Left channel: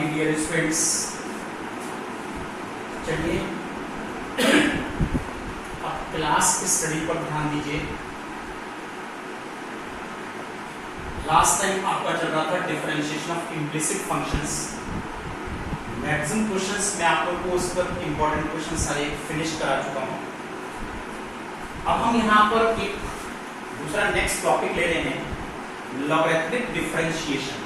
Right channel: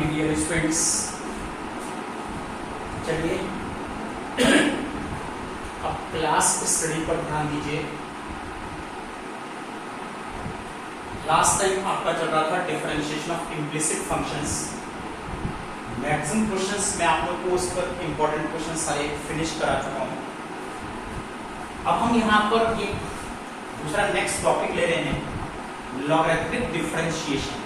Morning dear students. चलिए अब class study पर ध्यान दीजिए। लास्ट टाइम आपका चल रहा था differentiation of implicit functions. Maximum questions मैं आप लोग को उस पर इंपॉर्टेंट क्वेश्चन सारे फिनिश करा चुका हूं। अब हम यहाँ पर एक दूसरा नेक्स्ट टॉपिक ले रहे हैं, लॉगरिथमिक डिफरेंशिएशन।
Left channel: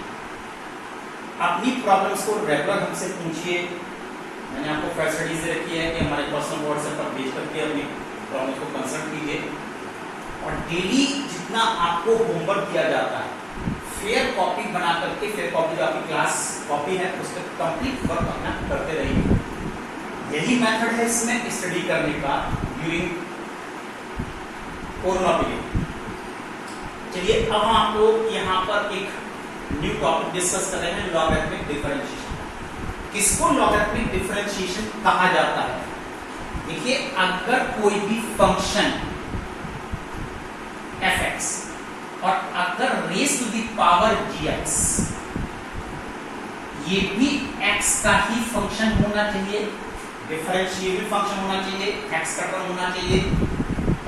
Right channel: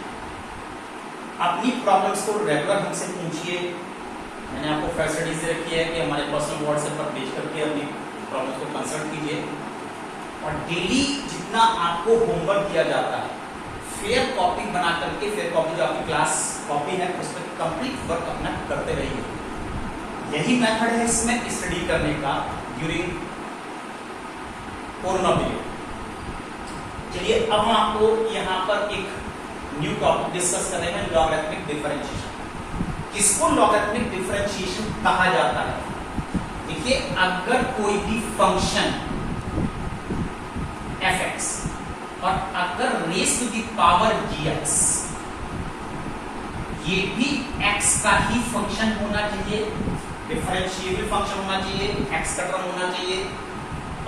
अपनी प्रॉब्लम्स को रेगुलर हमसे पूछिए। मैंने आपको फैसिलिटीज दे रखी है कि हमारे पर्सनल व्हाट्सएप पर भेज करके अपनी प्रॉब्लम्स को कंसल्ट कीजिए और डेली जितना आपको होमवर्क दिया जाता है फेयर कॉपी बना करके, फेयर कॉपी जो आपकी क्लास कॉपी है उस पर कंप्लीट वर्क अपना करते रहिए। यही मेथड है इसमें स्टडी करने का ड्यूरिंग कोरोना पीरियड। चलिए अब हम आपको यहाँ पर एक न्यू टॉपिक डिस्कस कर रहे हैं, लॉगरिथमिक डिफरेंशिएशन। किसको लॉगरिथमिक डिफरेंशिएशन कहा जाता है? देखिए, अगर कोई भी फंक्शन fx और अगर raise to the power gx ये भी x का ही फंक्शन होना चाहिए, डिफरेंशिएबल फंक्शन होना चाहिए, x का टर्म होना चाहिए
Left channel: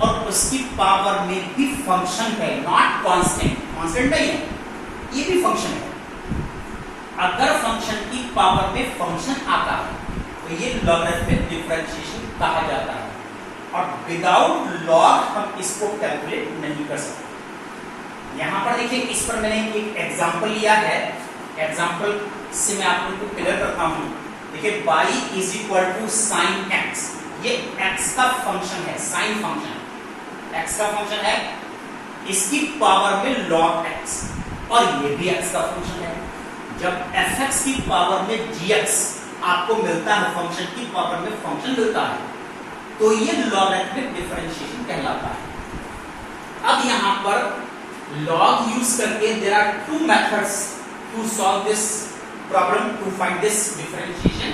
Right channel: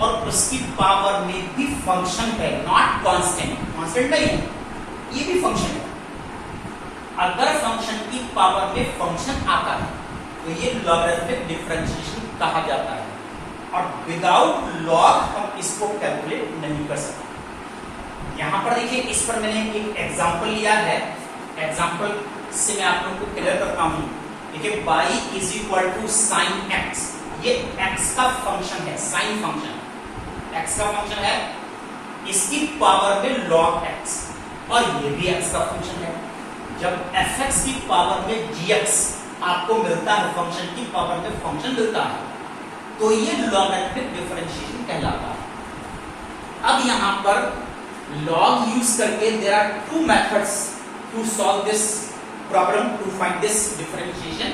और उसकी पावर में भी फंक्शन है, नॉट कांस्टेंट। कांस्टेंट नहीं है, ये भी फंक्शन है। अगर फंक्शन की पावर में फंक्शन आता है तो ये लॉगरिथमिक डिफरेंशिएशन कहा जाता है और विदाउट लॉग हम इसको कैलकुलेट नहीं कर सकते। यहां पर देखिए, इस पर मैंने एक एग्जांपल लिया है। एग्जांपल से मैं आप लोगों को क्लियर करता हूं। देखिए, y is equal to sine x, ये x का फंक्शन है, साइन फंक्शन x का फंक्शन है, इसकी पावर में log x और ये भी x का फंक्शन है। जब fx की पावर में gx आपको मिलता है, फंक्शन की पावर में फंक्शन मिलता है, तो ये लॉगरिथमिक डिफरेंशिएशन कहलाता है। अब यहां पर log यूज करके there are two methods to solve this problem, to find this differentiation.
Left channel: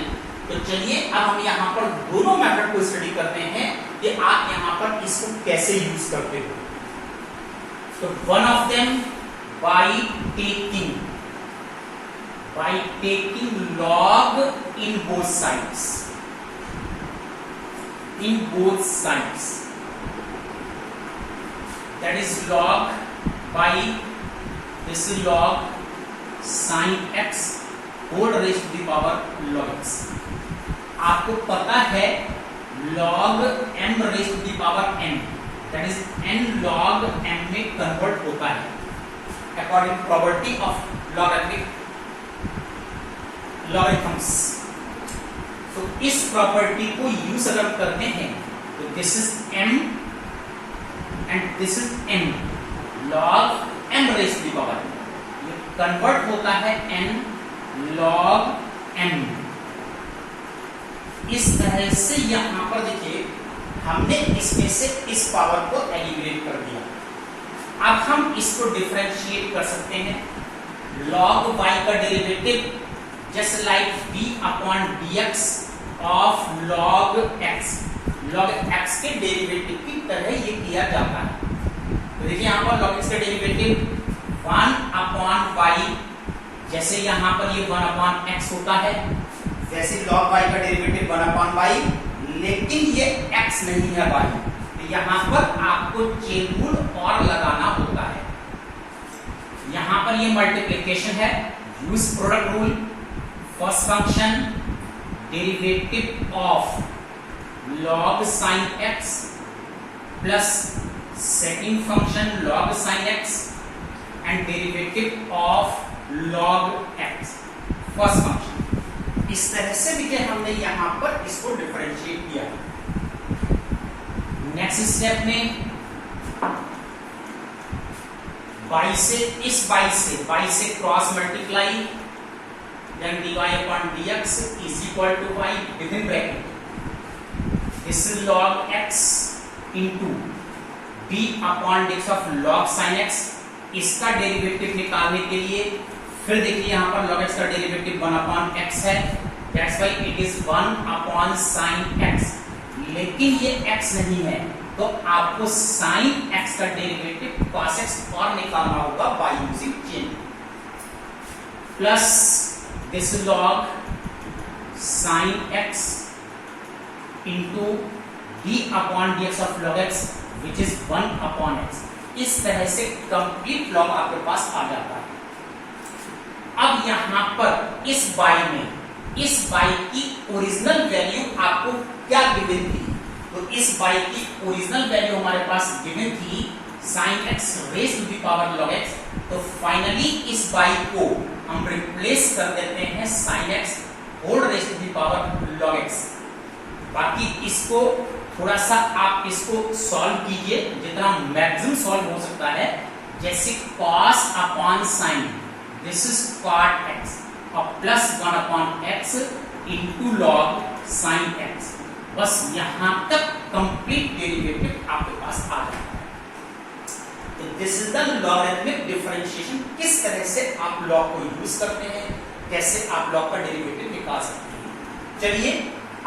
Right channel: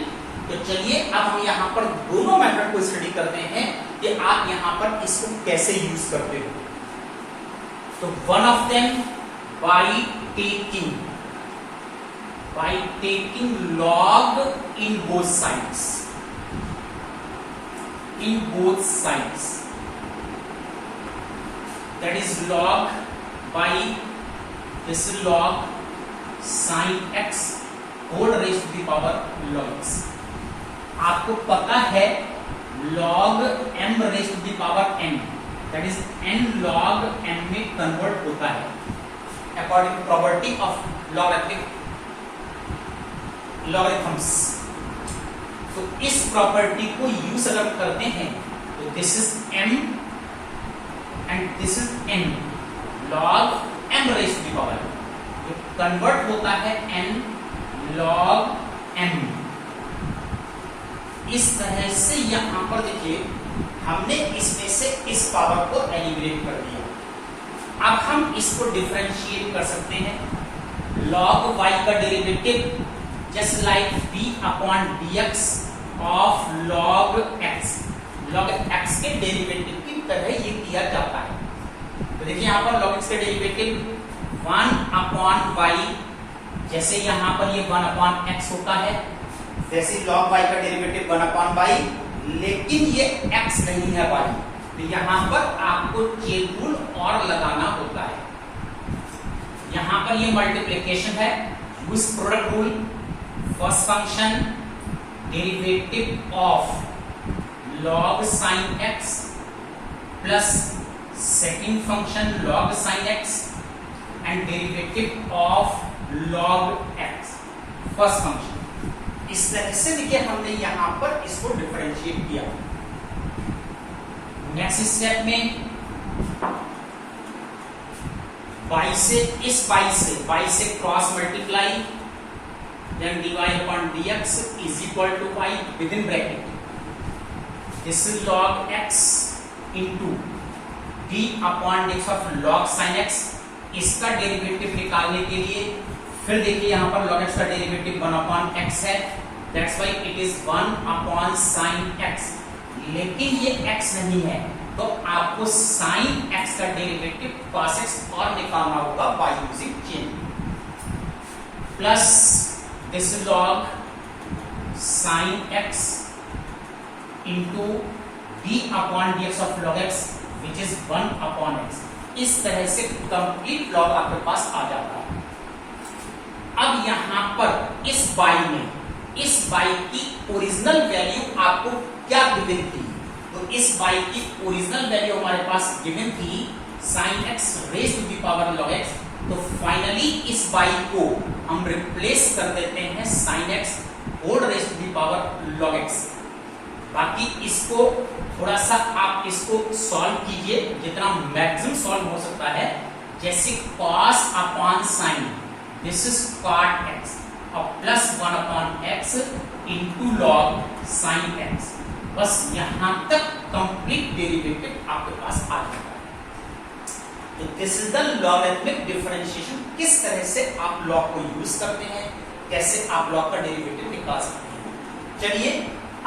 तो चलिए अब हम यहां पर दोनों मेथड को स्टडी करते हैं कि आप यहां पर इसको कैसे यूज करते हो। तो one of them by taking log in both sides, that is log by this log sin x whole raised to the power log x। आपको पता है log m raised to the power n, that is n log m में convert होता है according to property of logarithms। तो इस property को use अगर करते हैं तो this is m and this is n, log m raised to the power, ये कन्वर्ट होता है n log m। इस तरह से यहां पर देखिए, हमने इसमें से इस पावर को एलिमिनेट कर दिया। अब हम इसको डिफरेंशिएट कर सकते हैं। log y का derivative just like b upon dx of log x, log x के डेरिवेटिव की तरह ये किया जाता है। तो देखिए यहाँ पर log x के डेरिवेटिव 1 अपॉन y, जैसे यहाँ पर ये 1 अपॉन x होता है, जैसे log y का डेरिवेटिव 1 अपॉन y, लेकिन ये x नहीं है y, तो यहां पर आपको चेन रूल और लगाना होता है। यहां पर ये मल्टीप्लिकेशन है, use product rule. First function derivative of log sin x plus second function log sin x and derivative of log x, first function. इस तरह से देखिए हमने यहां पर इसको डिफरेंशिएट किया। नेक्स्ट स्टेप में y से इस y से cross multiply, then dy upon dx is equal to y within bracket, this is log x into d upon dx of log sin x। इसका डेरिवेटिव निकालने के लिए फिर देखिए यहां पर log x का डेरिवेटिव 1 अपॉन x है, that's why it is 1 upon sin x। लेकिन ये x नहीं है तो आपको sin x का डेरिवेटिव cos x और निकालना होगा by using chain. Plus this log sin x into d upon dx of log x which is 1 upon x। इस तरह से कंप्लीट लॉग आपके पास आ जाता है। अब यहां पर इस बाई की ओरिजिनल वैल्यू आपको क्या गिवन थी? तो इस बाई की ओरिजिनल वैल्यू हमारे पास गिवन थी sin x raise to the power log x। तो फाइनली इस बाई को हम रिप्लेस कर देते हैं sin x whole raise to the power log x। बाकी इसको थोड़ा सा आप इसको सॉल्व कीजिए जितना मैक्सिमम सॉल्व हो सकता है। जैसे cos upon sin, this is cot x और plus 1 upon x into log sin x। बस यहां तक कंप्लीट डेरिवेटिव आपके पास आ जाता है। तो this is the logarithmic differentiation. किस तरह से आप लॉग को यूज करते हैं, कैसे आप लॉग का डेरिवेटिव निकाल सकते हैं। चलिए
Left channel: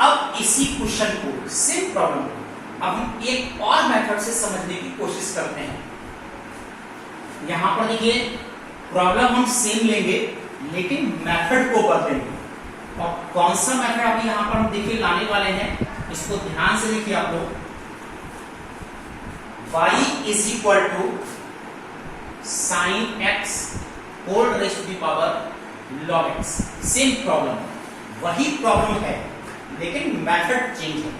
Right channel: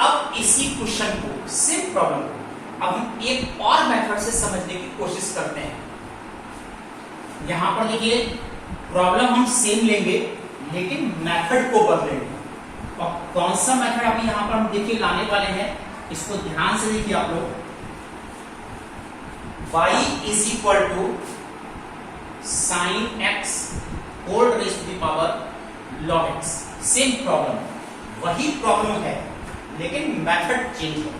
अब इसी क्वेश्चन को, सेम प्रॉब्लम को अब हम एक और मेथड से समझने की कोशिश करते हैं। यहां पर देखिए प्रॉब्लम हम सेम लेंगे लेकिन मेथड को बदलेंगे। और कौन सा मेथड अभी यहां पर हम देखिए लाने वाले हैं, इसको ध्यान से देखिए आप लोग। y is equal to sine x whole raise to the power log x। Same problem, वही प्रॉब्लम है लेकिन मेथड चेंज है।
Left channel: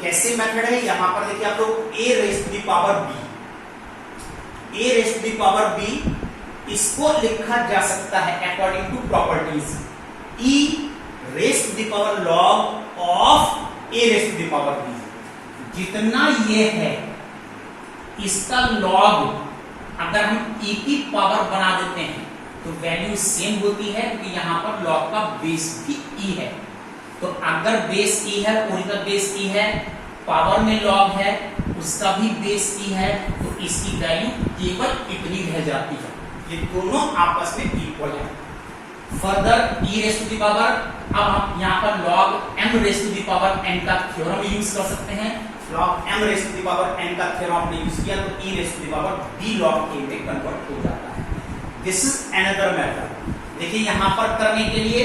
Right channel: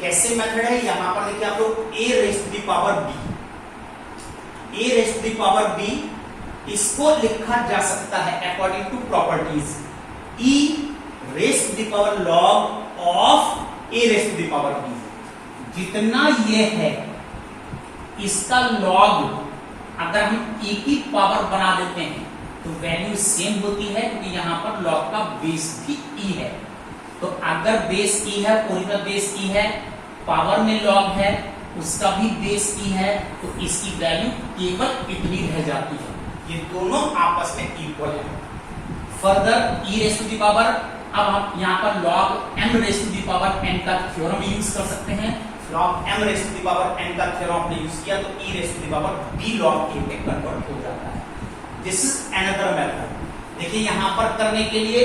कैसे मेथड है? यहां पर देखिए आप लोग a raise to the power b, a raise to the power b, इसको लिखा जा सकता है according to properties e raise to the power log of a raise to the power b। जितना ये है इसका log अगर हम e की पावर बना देते हैं तो वैल्यू सेम होती है कि यहां पर log का बेस भी e है। तो अगर बेस e है, ओरिजिनल बेस e है, पावर में log है, उसका भी बेस e है, तो इसकी वैल्यू केवल इतनी रह जाती है। ये दोनों आपस में इक्वल है। Further e raise to the power, अब हम यहाँ पर log m raise to the power n का थ्योरम यूज कर सकते हैं। log m raise to the power n का थ्योरम आपने यूज किया तो e raise to the power b log a में कन्वर्ट हो जाता है। This is another method. देखिए यहाँ पर करने के लिए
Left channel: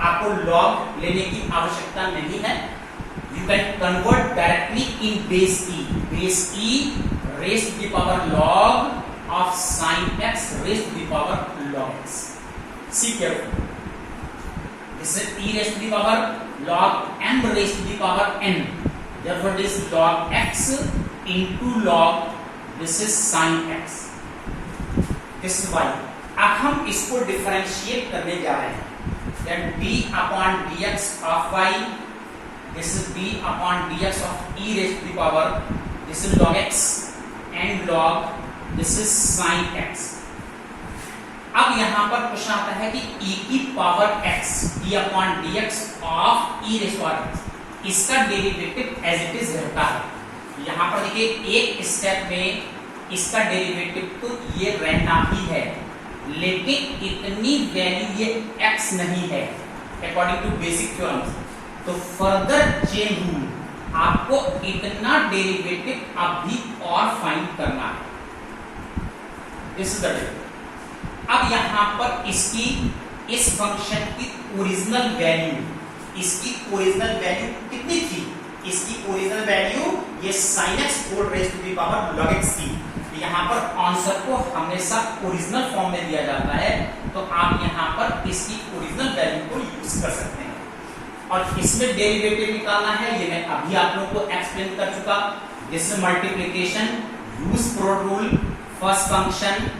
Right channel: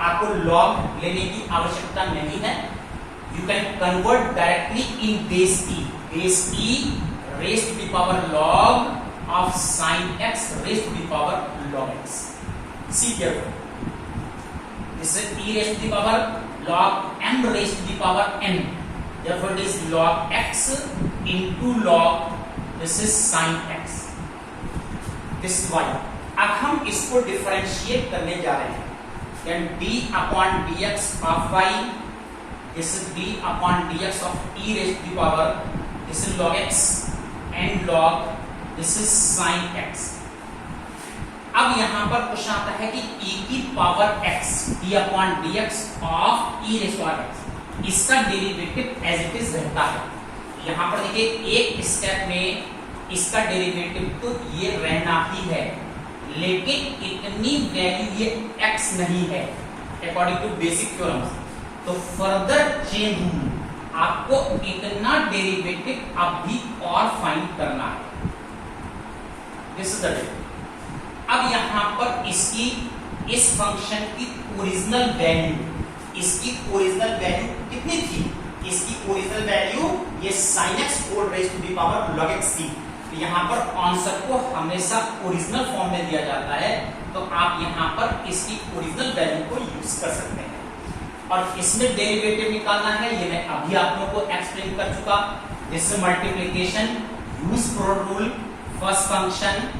आपको log लेने की आवश्यकता नहीं है। You can convert directly in base e, base e raise to the power log of sin x raised to the power log x। See carefully, this is e raised to the power log m raised to the power n, therefore it is log x into log, this is sin x, this is y। अब हम इसको differentiate करने जा रहे हैं। then d upon dx of y, this is d upon dx of e raised to the power, this is log x and log, this is sine x। अब यहां पर क्वेश्चन आता है कि e की power x d upon dx of e raise to x, इसका derivative as it is रहता है। यहां पर देखिए एक स्टेप में इसका डेरिवेटिव तो ये रहना ही है, लेकिन इतनी वैल्यू ये x नहीं है अकॉर्डिंग टू बेसिक थ्योरम्स। तो फर्दर चेंज आपको इतना डेरिवेटिव अब भी और फाइंड करना है। This is the difference. अब यहां पर इसकी, इस फंक्शन की ओरिजिनल वैल्यू, इसकी ओरिजिनल वैल्यू कितनी थी? इसकी ओरिजिनल वैल्यू ये sin x whole raise to the power log x थी। तो यहां पर आंसर को हमेशा ओरिजिनल फॉर्म में दिया जाता है, तो आप यहां पर इसकी ओरिजिनल वैल्यू को यूज कर सकते हैं। और इसमें डेरिवेटिव निकालना है, ये मैं अभी आप लोगों को एक्सप्लेन कर चुका। This multiplication, use pro rule, first function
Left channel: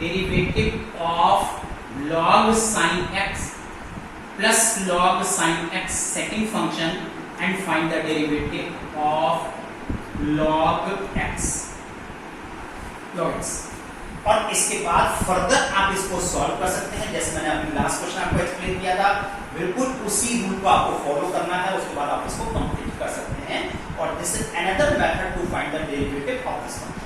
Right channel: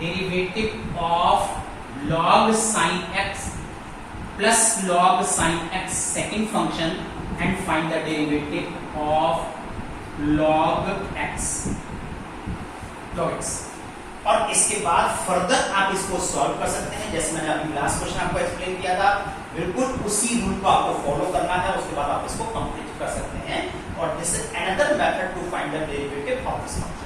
derivative of log sin x plus log sin x second function and find the derivative of log x, log x। और इसके बाद फर्दर आप इसको सॉल्व कर सकते हैं, जैसे मैंने अपनी लास्ट क्वेश्चन आपको एक्सप्लेन किया था। बिल्कुल उसी रूल को आपको फॉलो करना है, उसके बाद आप इसको कंप्लीट कर सकते हैं। और this is another method to find the derivative of this function.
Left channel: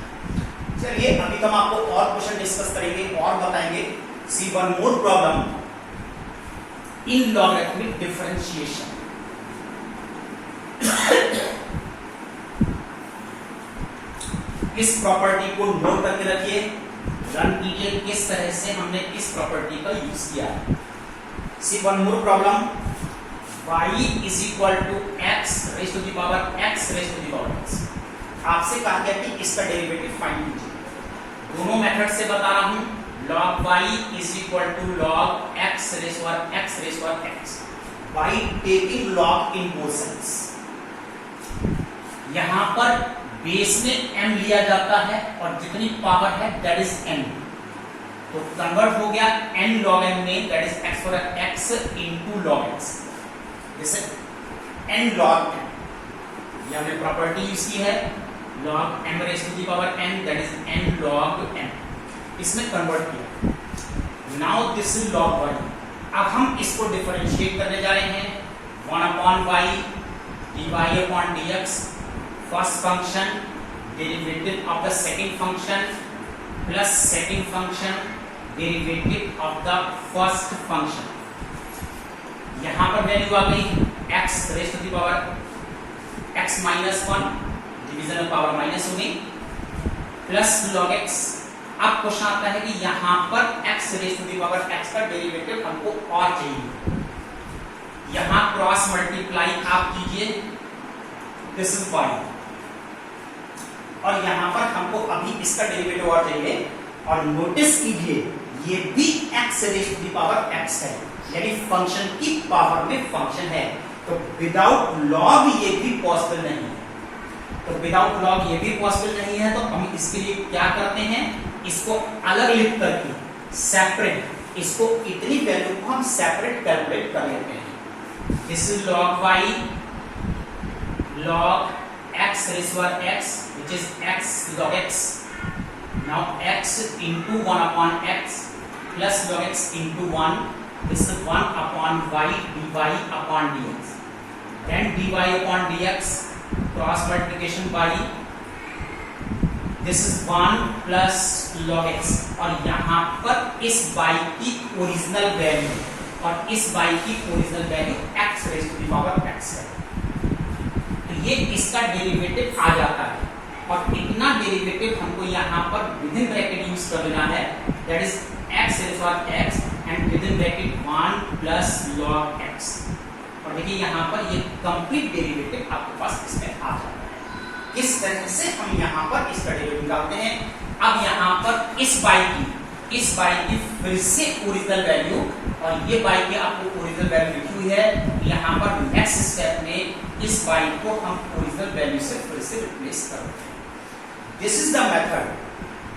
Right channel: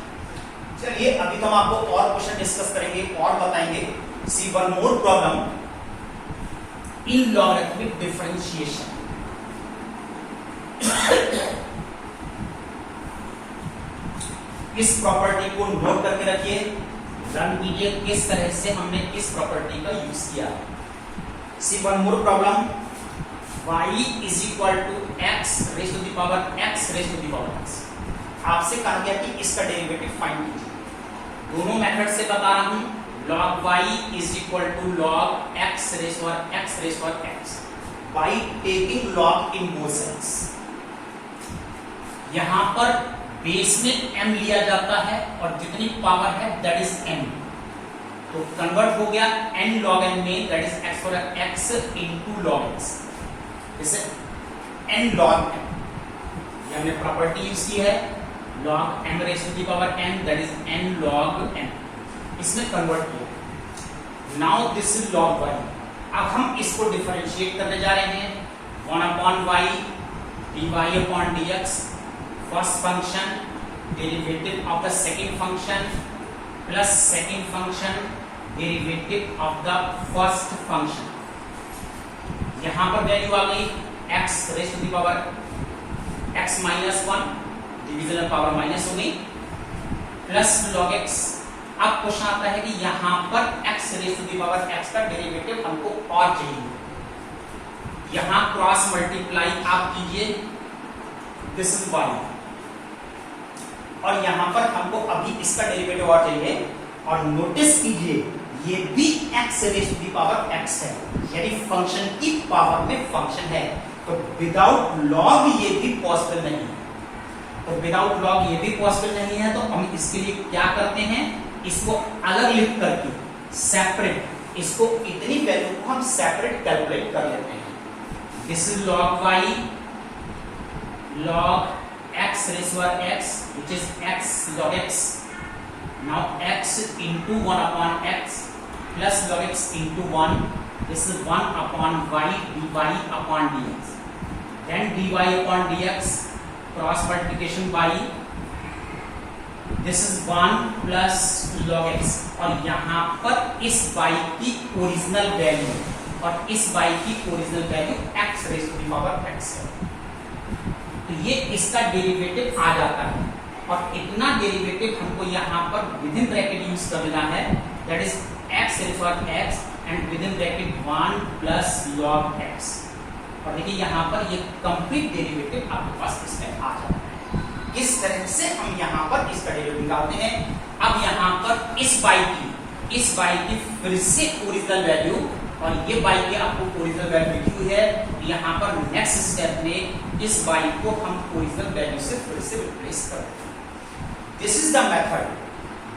चलिए अभी तो हम आपको और क्वेश्चन डिस्कस करेंगे और बताएंगे। See one more problem in logarithmic differentiation. इस प्रॉपर्टी को नोट करके रखिए, रन कीजिए किस तरह से हमने इस प्रॉपर्टी का यूज किया। See one more problem. Y is equal to x raised to the power x raised to the power x. आपसे कहा गया कि इसका डेरिवेटिव फाइंड कीजिए। दोनों मेथड से बता रहा हूं। log y is equal to log x raised to x by taking log in both sides। यहां पर बेस में m लिया जाता है और जितनी पावर है दैट इज m, तो कन्वर्ट हो गया n log m में, that is x for x into log x। जैसे n log m, ये हमने प्रॉपर्टी यूज की है log m raised to the power n, that is n log m। इसमें कन्वर्ट किया। Now this is log y। अब हम इसको डिफरेंशिएट करने जा रहे हैं। 1/y dy/dx first function derivative of the second function plus second function derivative of the first function. यहां पर वैल्यू आ गई x raise to the power x minus 1, division में पावर माइनस हो गई, प्लस log x। अब question आता है कि यहां पर x raise to the power x का डेरिवेटिव हमको और चाहिए। यहां क्रॉस मल्टीप्लाई आप कीजिए, दिस इज y, और यहां पर हमको अभी इसका डेरिवेटिव और चाहिए। और नोटिस कीजिए ये भी x raise to the power x है, यानी फंक्शन की पावर में फंक्शन है, तो विदाउट लॉग ये भी पॉसिबल नहीं है। तो विदाउट लॉग ये भी पॉसिबल नहीं है, तो हम इसके लिए क्या करते हैं, इसको अलग लिख करके सेपरेट, इसको इतनी वैल्यू को हम सेपरेट कैलकुलेट कर लेते हैं। This is log y log x raised to x, which is x log x। now x into 1/x plus log x into 1, this is 1/y dy upon dx, then dy upon dx cross multiplication by, this is 1 plus log x, और यहां पर इस y की original value और इस y की original value x raise to the power x है, तो ये इसका डेरिवेटिव आ जाता है। और इतना डेरिवेटिव हमको यहां पर विद इन ब्रैकेट यूज कर लेना है, that is x raise to x and within bracket 1 plus log x। और देखिए यहां पर ये कंप्लीट डेरिवेटिव आपके पास इसमें आ जाता है। इस तरह से हम यहां पर इसका डेरिवेटिव निकालते हैं। अब यहां पर इस y की फिर से ओरिजिनल वैल्यू, और ये y की आपको ओरिजिनल वैल्यू लिखी हुई है। यहां पर नेक्स्ट स्टेप में इस y को हम ओरिजिनल वैल्यू से फिर से रिप्लेस करते हैं। This is the method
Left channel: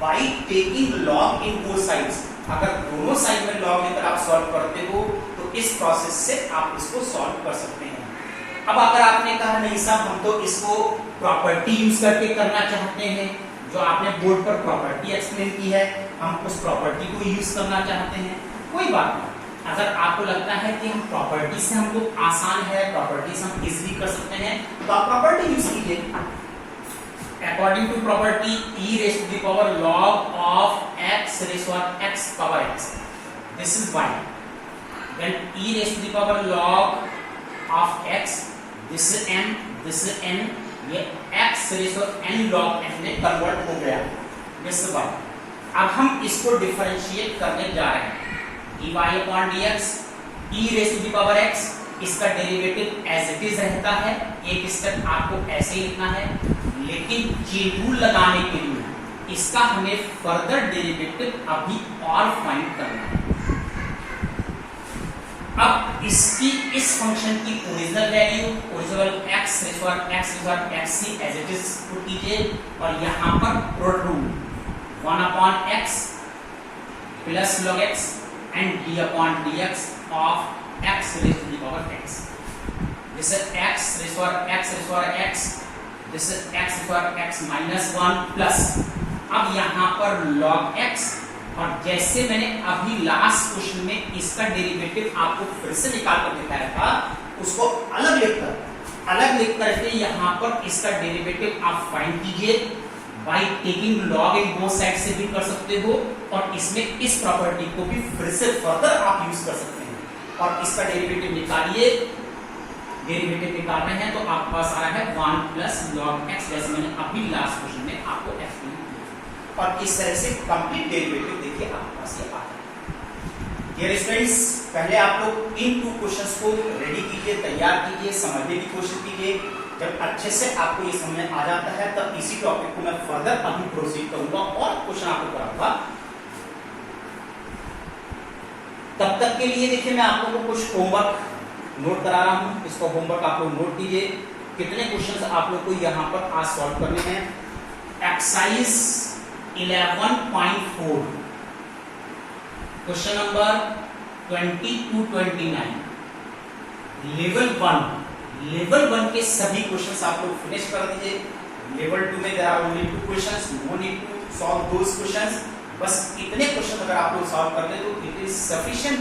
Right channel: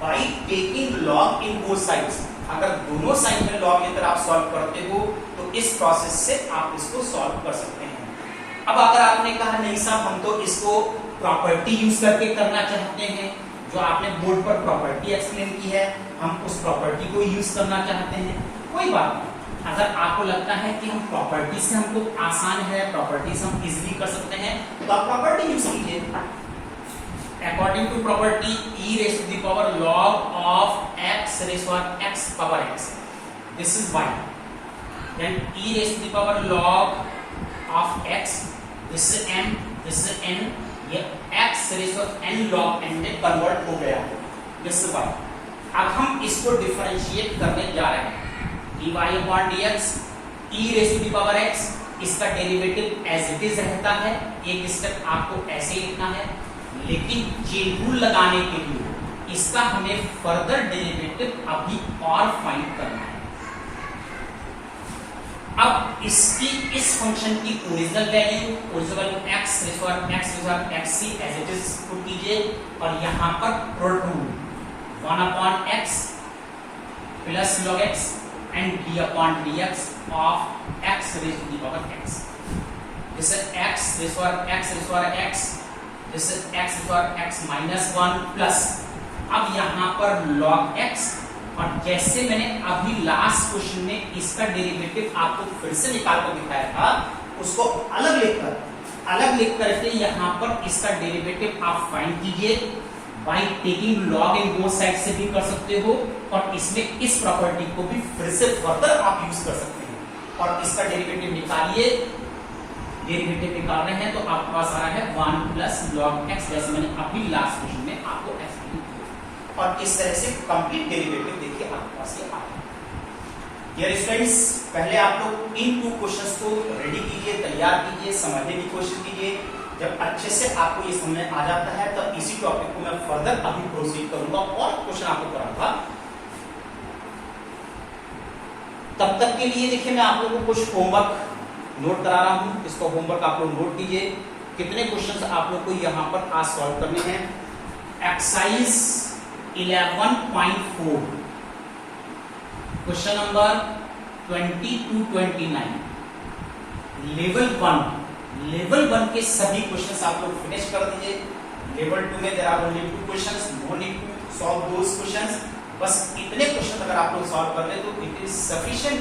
by taking log in both sides. अगर दोनों साइड में log लेकर आप सॉल्व करते हो तो इस प्रोसेस से आप इसको सॉल्व कर सकते हैं। अब अगर आपने कहा नहीं साहब हम तो इसको प्रॉपर्टी यूज करके करना चाहते हैं, जो आपने बोर्ड पर प्रॉपर्टी एक्सप्लेन की है, हम उस प्रॉपर्टी को यूज करना चाहते हैं, कोई बात नहीं। अगर आपको लगता है कि हम प्रॉपर्टी से हमको आसान है, प्रॉपर्टी से हम इजीली कर सकते हैं, तो आप प्रॉपर्टी यूज कीजिए। According to property e raise to the power log of x raise to x power x, this is y, then e raise to the power log of x, this is m, this is n, ये x raise to n log n में convert हो गया, this is y। अब हम इसको differentiate करने जा रहे हैं। dy/dx e raise to the power x, इसका डेरिवेटिव एज इट इज रहता है, एक स्टेप आपको ऐसे ही लिखना है, लेकिन चेन रूल लगाने के लिए इसका हमें फर्दर डेरिवेटिव अभी और फाइंड करना है। अब इसकी इस फंक्शन की original value, original x raise to x की एज इट इज पुट कीजिए, और यहां पर product rule 1/x plus log x and d/dx of x raise to the power x। This is x raise to x, this is x raise to x minus 1 plus, अब यहां पर log x, और जैसे मैंने अभी last question में इसका derivative आपको फिर से निकाल कर दिखाया था, उसको अलग लिख करके यहां पर इसका डेरिवेटिव आप फाइंड कीजिए। By taking log in both side से भी कर सकते हो, और इसमें इस प्रॉपर्टी को भी फिर से फर्दर आप यूज कर सकते हैं, और इसका डेरिवेटिव निकालिए। डेरिवेटिव निकाल रहे हैं तो आपके पास आ रहा है 1 प्लस log x, जैसे मैंने अभी लास्ट क्वेश्चन में आपको एक्सप्लेन किया, और इस तरह से कंप्लीट डेरिवेटिव देखिए आपके पास ये आ रहा है। डियर स्टूडेंट्स, पहले आप लोग इन 2 क्वेश्चंस को रेडी कीजिए, तैयार कीजिए, समझने की कोशिश कीजिए। जब अच्छे से आपको ये समझ आ जाता है तब इसी टॉपिक को मैं फर्दर अभी प्रोसीड करूंगा और क्वेश्चन आपको कराऊंगा। तब तक के लिए देखिए मैं आप लोगों को कुछ होमवर्क नोट करा रहा हूं, इसको होमवर्क आप लोग नोट कीजिए। कितने क्वेश्चंस आप लोग को यहां पर आज सॉल्व करने हैं। Exercise 11.4 question number 20 to 29 level 1 के सभी क्वेश्चंस आप लोग फिनिश कर दीजिए। लेवल 2 में there are only 2 questions, no need to solve those questions. बस इतने क्वेश्चन अगर आप लोग सॉल्व कर ले तो it is sufficient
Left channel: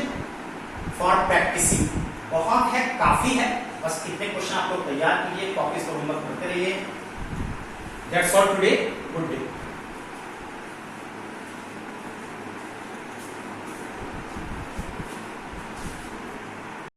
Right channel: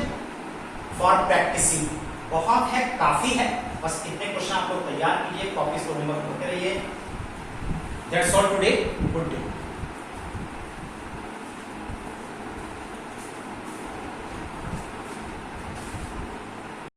for practicing, बहुत है, काफी है। बस इतने क्वेश्चन आप लोग तैयार कीजिए, कॉपीज पर होमवर्क करते रहिए। That's all today, good day.